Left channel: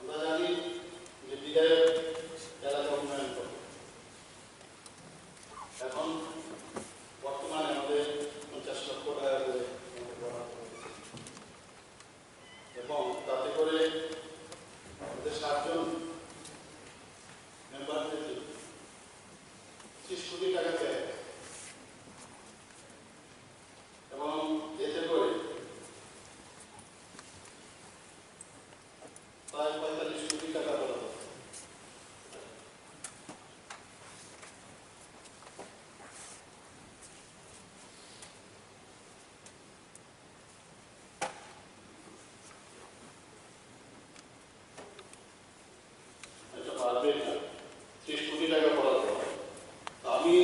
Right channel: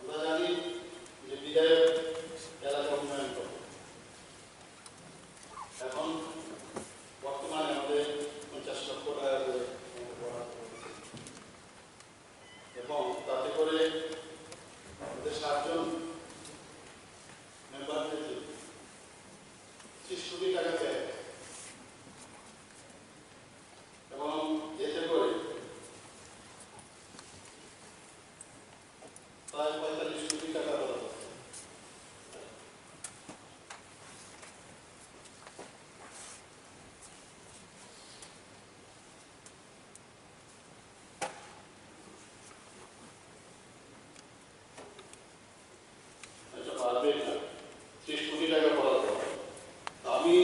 আমরা জানি যে বিধায়ক এলাকা উন্নয়ন করে। এখন বর্তমানে আমাদের 50 লক্ষ টাকা করে এবং তাতে করে আমাদের 7 জন মেম্বারদের 30 কোটি টাকা দেয় এবং এতে করে প্রায় 45 কোটি টাকা বরাদ্দ। এটা পারবে না, 30 কোটি টাকা বরাদ্দ। আমি